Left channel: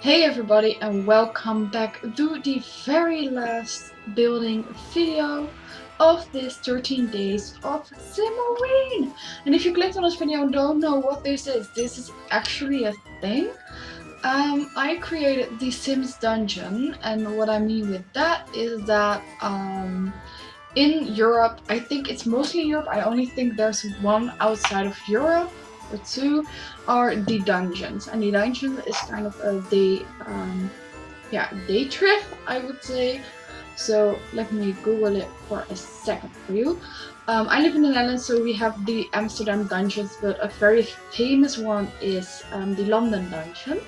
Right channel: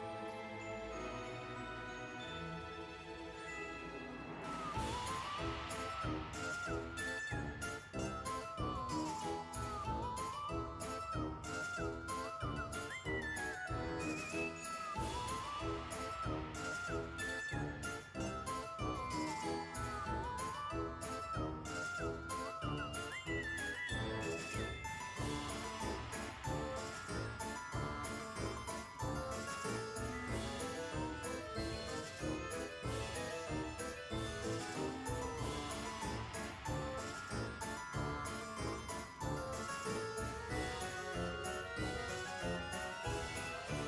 Hey everybody, and welcome back to the very last building video of this 13 days of WEEN. And if you clicked on this video and don't know what this is actually a thing. I created the Sims dungeon, and what I mean with that is that in Europe, I think it's mostly Europe, I only think there's one outside of Europe or two, are the dungeons. And the dungeon is kind of a day trip, I would say. So let me Google it for a second for you. I live in the Netherlands, so we have the Amsterdam dungeons, but a very famous one is the London dungeon.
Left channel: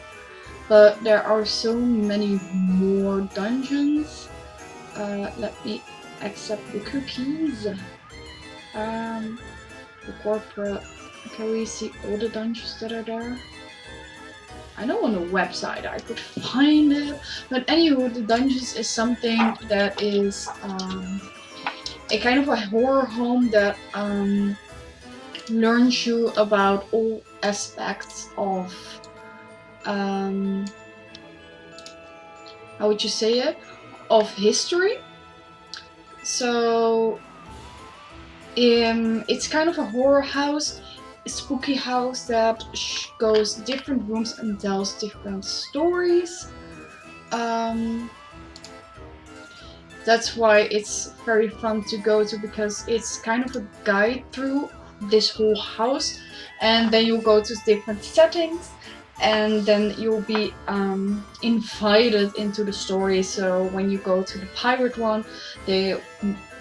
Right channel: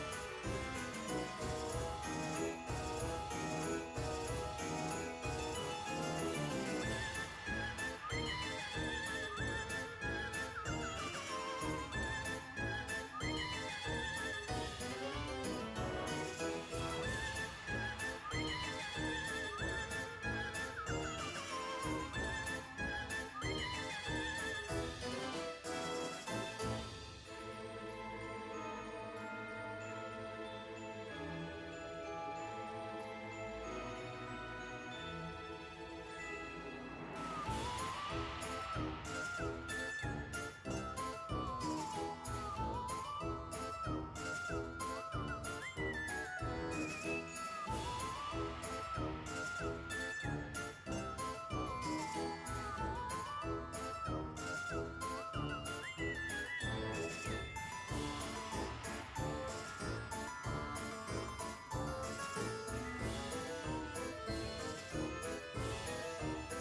But there are so many more dungeons. Let me accept the cookies. The corporate. Can we see all the dungeons that are there? I know on the website I could find it, but anywho, the dungeons is something that is a kind of a horror home that learns you about all aspects of how would you say it? Of history. So it's kind of a horror house, a spooky house that goes different rooms and tells different stories. That's why it's very fun to go to, because it's kind of a guide through this whole house, and then you'll go to different settings, and then you'll be invited into the story. So when you go to the pirate one, they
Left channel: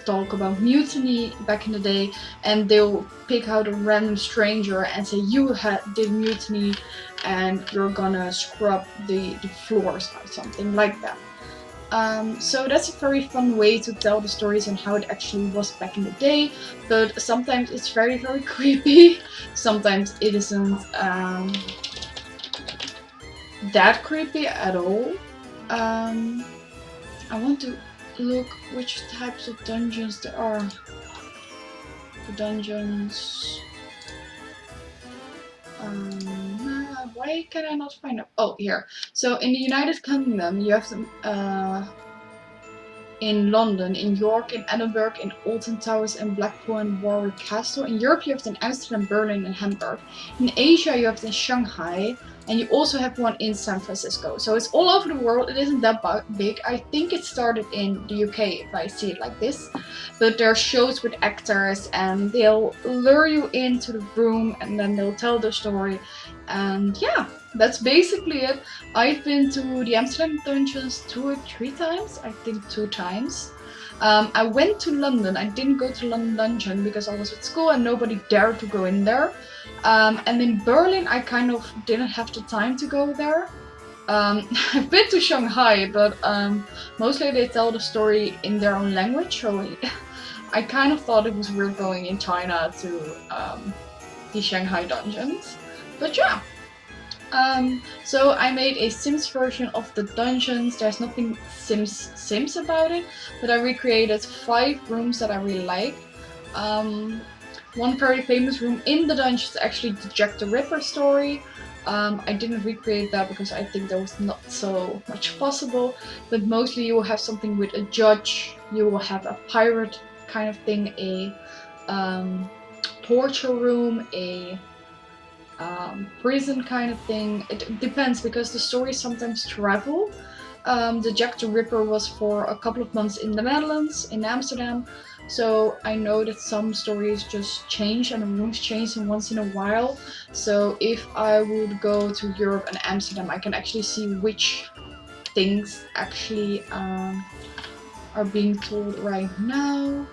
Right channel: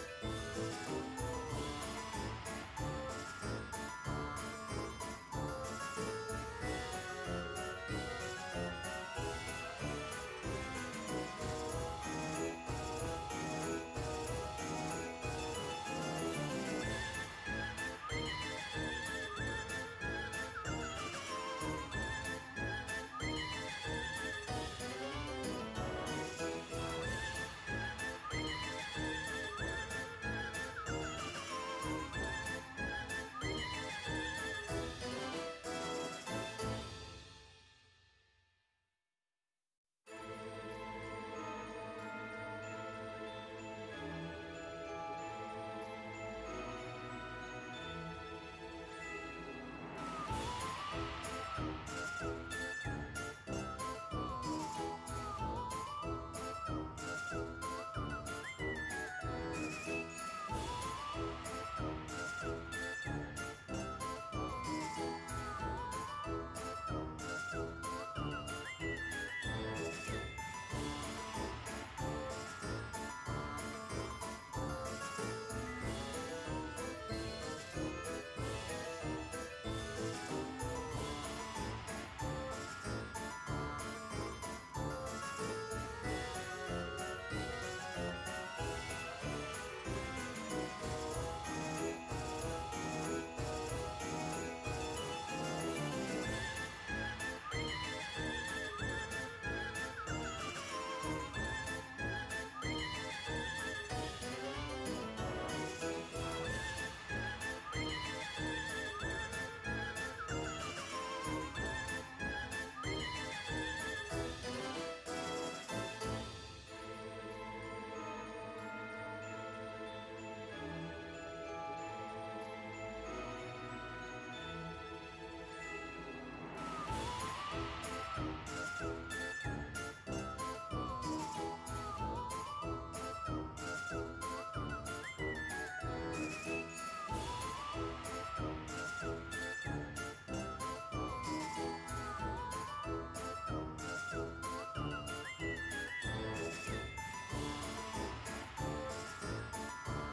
talk about mutiny back in the day, and they'll pick out a random stranger and say you had the mutiny and you're gonna scrub the floors or something like that. So that's a very fun way to tell the stories and how it actually was back in the day, but sometimes it's very creepy, sometimes it isn't that creepy at all. I want to look which types of dungeons there are. The dungeons. Why can I not find them? Oh, here. So in the United Kingdom, you have them in London, in York, in Edinburgh, in Alton Towers, in Blackpool and Warwick Castle. In Europe you have them in Amsterdam, Berlin and Hamburg. In Asia you have them in Shanghai, and you also have one in San Francisco. So it's all over the world, it isn't that big. I think it started in the UK if I see it like this. But there are shows with actors and they'll lure you into the room and then they'll tell the story. And yeah, that's basically it. I've been to the Amsterdam dungeons 2 or 3 times, I think 2 times. I went to London. I didn't go to London dungeon because I was at school and nobody dared to go in there. And in Berlin I kind of didn't have the time to go there. I've been to Shanghai, but mostly they tell the story in their own language, so I kind of thought it was weird going in China to the Shanghai dungeons. But yeah. So I made a Sims version of the dungeons. There's nothing Sims about it, but I recreated 5 rooms that I really like. One very famous room in the dungeon is actually the Jack the Ripper story. I didn't recreate that because I think there was not so much possible, but mostly you will have something with a judge, you will have a pirate kind of thing, a torture room, a prison kind of thing. It depends because the stories sometimes travel. The Jack the Ripper was for a couple of months in the Netherlands, in Amsterdam, so I know that some stories just change and the rooms change once in a while. So if I would go to Europe and Amsterdam, I can actually see which things actually are being told right now.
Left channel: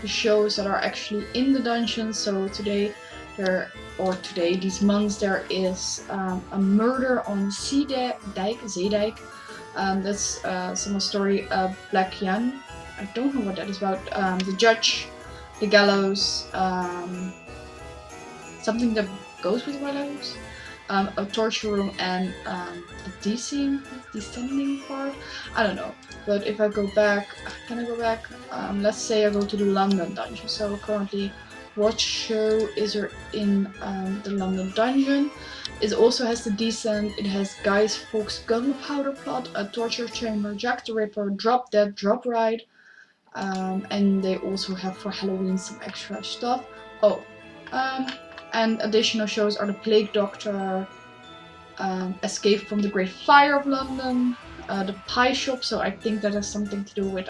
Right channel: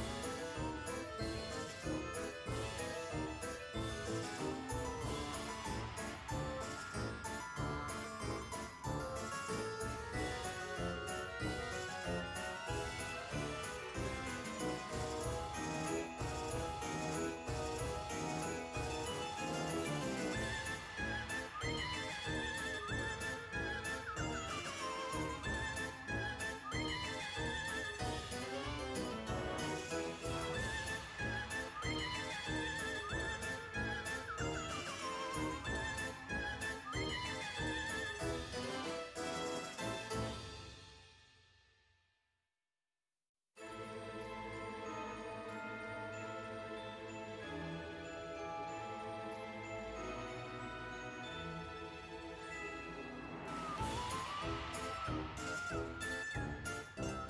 The shows that are actually in the dungeon. So these months there is a murder on Zeedijk. That's some story of Black Jan. I don't know what that is about. The judge, the gallows, something that goes with gallows. a torture room, and a descending part. I don't know. But if I go back, can I go back? Let's say I go to the London dungeon. So currently, what show is there in the London dungeon? It also has the descent. It has Guy's Fawkes gunpowder plot, a torture chamber, Jack the Ripper, Drop Dead, Drop Ride. And they also have for Halloween some extra stuff. Oh, and additional shows are the Plague Doctor, Escape from the Great Fire of London, the Pie Shop, so I think that has something to do with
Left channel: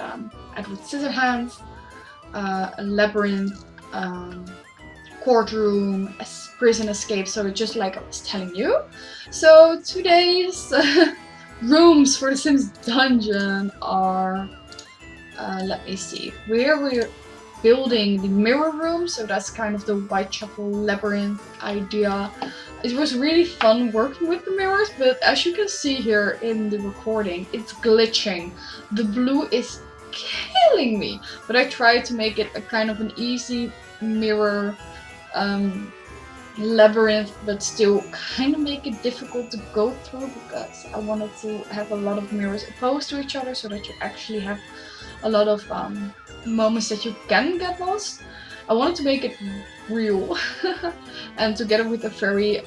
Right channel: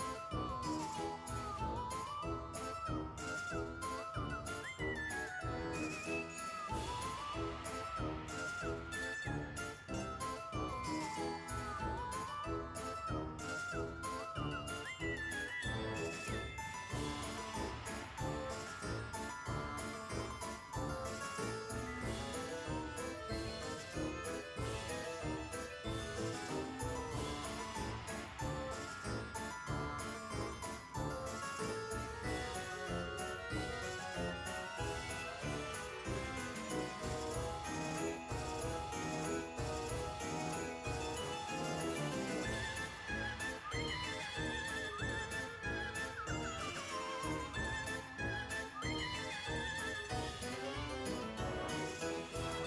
Edward Scissorhands, a Labyrinth, Courtroom, Prison Escape, so just like I was telling you. So today's rooms for the Sims dungeon are, let me see, we're building the mirror room, so that's kind of the Whitechapel Labyrinth idea. It was really fun working with the mirrors, but as you can see here in the recording, it's glitching. The blue is killing me, but I tried to make it a kind of an easy mirror labyrinth, but still kind of make it difficult to go through, because I wanted to have a lot of mirrors opposed to each other so that you actually have a lot of moments that you can get lost. I wanted to make it real and together with a very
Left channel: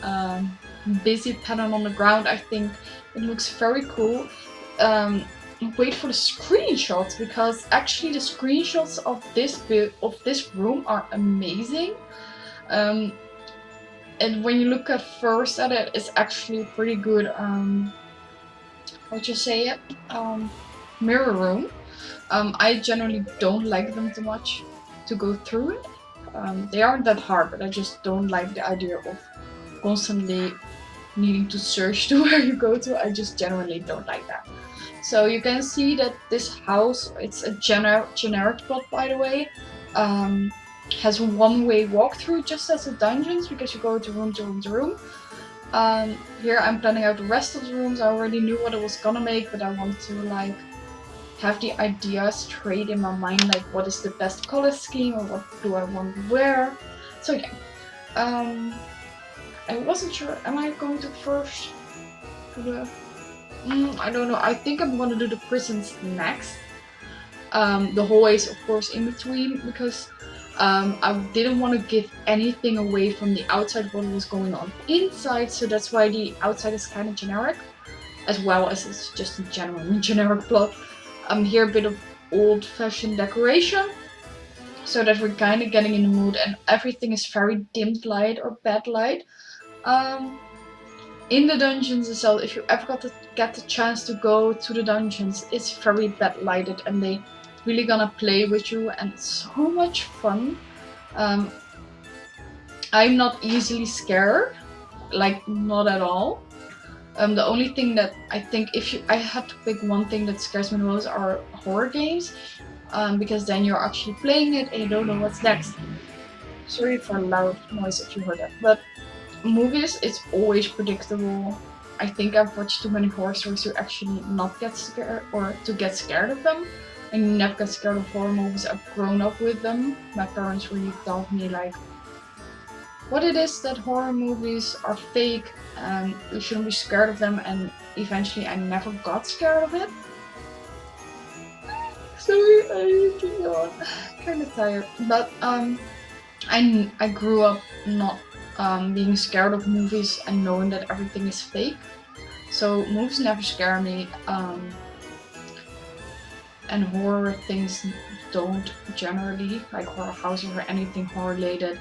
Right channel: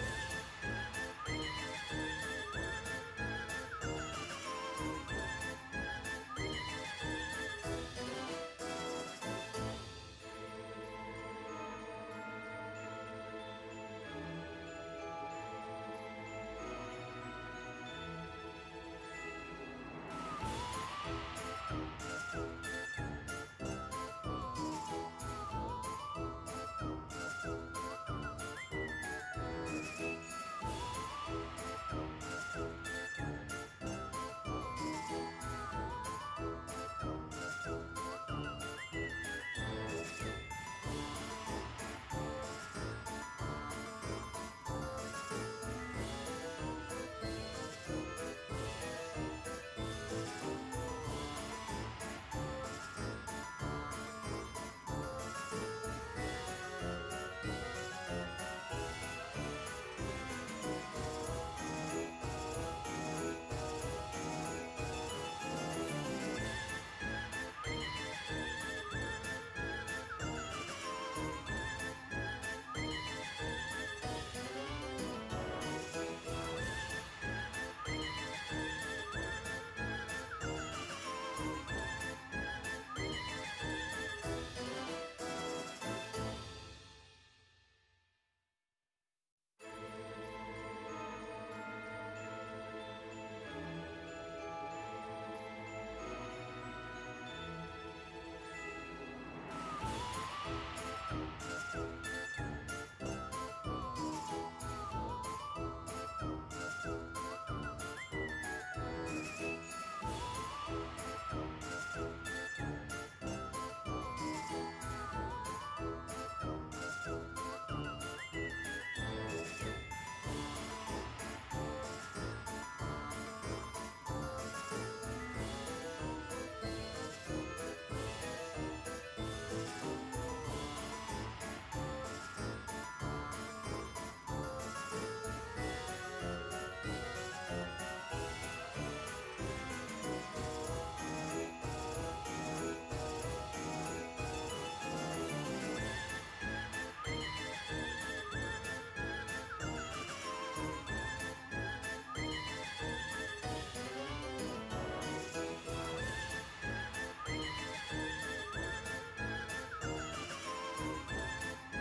busy pattern on the ground, I think it looks very cool. Wait for the screenshots, because actually the screenshots of this room are amazing. And when you look at first at it, it's actually pretty good. How'd you say it? Mirror room. I generally don't like them too much to go through it. They aren't that hard, but I just don't like the idea of constantly needing to search to where you go to. I just generally don't like that. So you can see that this house, it's a generic plot, by the way, has a one-way walkthrough just as the dungeons, because you go to room to room to room. Here I'm planning out the rest of the rooms. I already knew what I was gonna make, but I wanted to like have the idea straight in my mind, like what is the best color scheme or what do I want to wear. So yeah, I wasn't sure, am I going to first do the, I don't know, I think I'm gonna do the prisons next. The hallways of course in between, because I didn't want to give anything away from the outside what was going on inside, so that's why the outside is kind of generic, as well as it's just a generic plot. Here a bit of old-fashioned decoration, so that we're kind of getting in the mood, and everything is very dimmed light or bad light. In the dungeons itself, if you ever get the chance to go to the dungeons, it's very bad lighted, and they really gonna play with you, and it's so much fun. I'm not easily scared, like not at all. The only thing that I think, I had to pick one thing that scares me the most, are horror games, because then you're actually playing it and you don't know what's next. Sorry for loud noise if you heard that. But movies, it's always predictable. I think I've watched too many horror stories to actually not get scared, or to get scared of them. I never get scared of horror movies. I've grown up with them. My parents really told me like what it is that horror movies are fake and you shouldn't be scared of them, and eventually I never got scared of it. Sorry, I need to yawn. Kind of tired. But I grew up not being scared of movies and knowing that everything is fake. So movies never scare me. And horror things don't generally, like horror houses or anything horror related.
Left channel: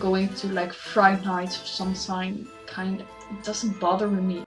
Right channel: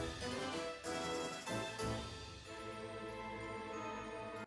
Going to like Friday nights of some kind of, it doesn't bother me.